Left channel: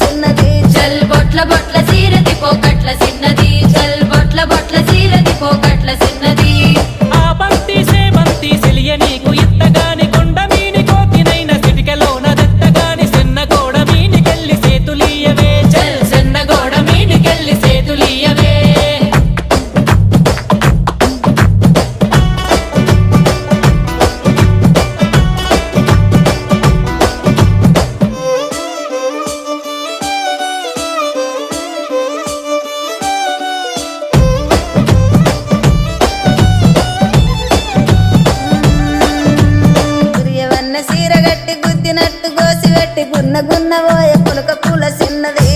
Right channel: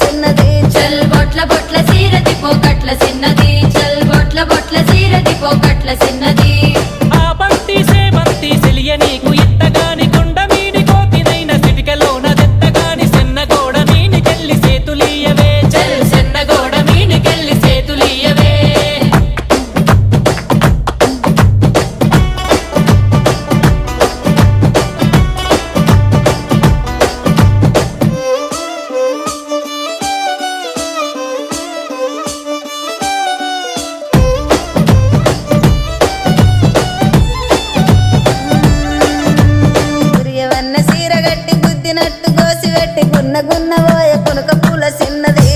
చిన్నది చల్ బొట్ల బొట్ల సీరతి పోకట్ల చిన్నది చల్ బొట్ల బొట్ల సీరతి పోకట్ల చిన్నది ఆ బంతి సేబంతి సెలియ నీకు ఇత్తగాని కొండ మీని కోతినైన సిటికలోన దెత్తగాని సెన్నగోడ మీనికెళ్ళి సేతులీయవే చల్ సెన్నగోడ మీనికెళ్ళి సేతులీయవే గురియవన్న సీర గట్టి గుద్దినట్టు గోసి పెట్టి గున్న గున్న పోయే పులక పూల చిన్నది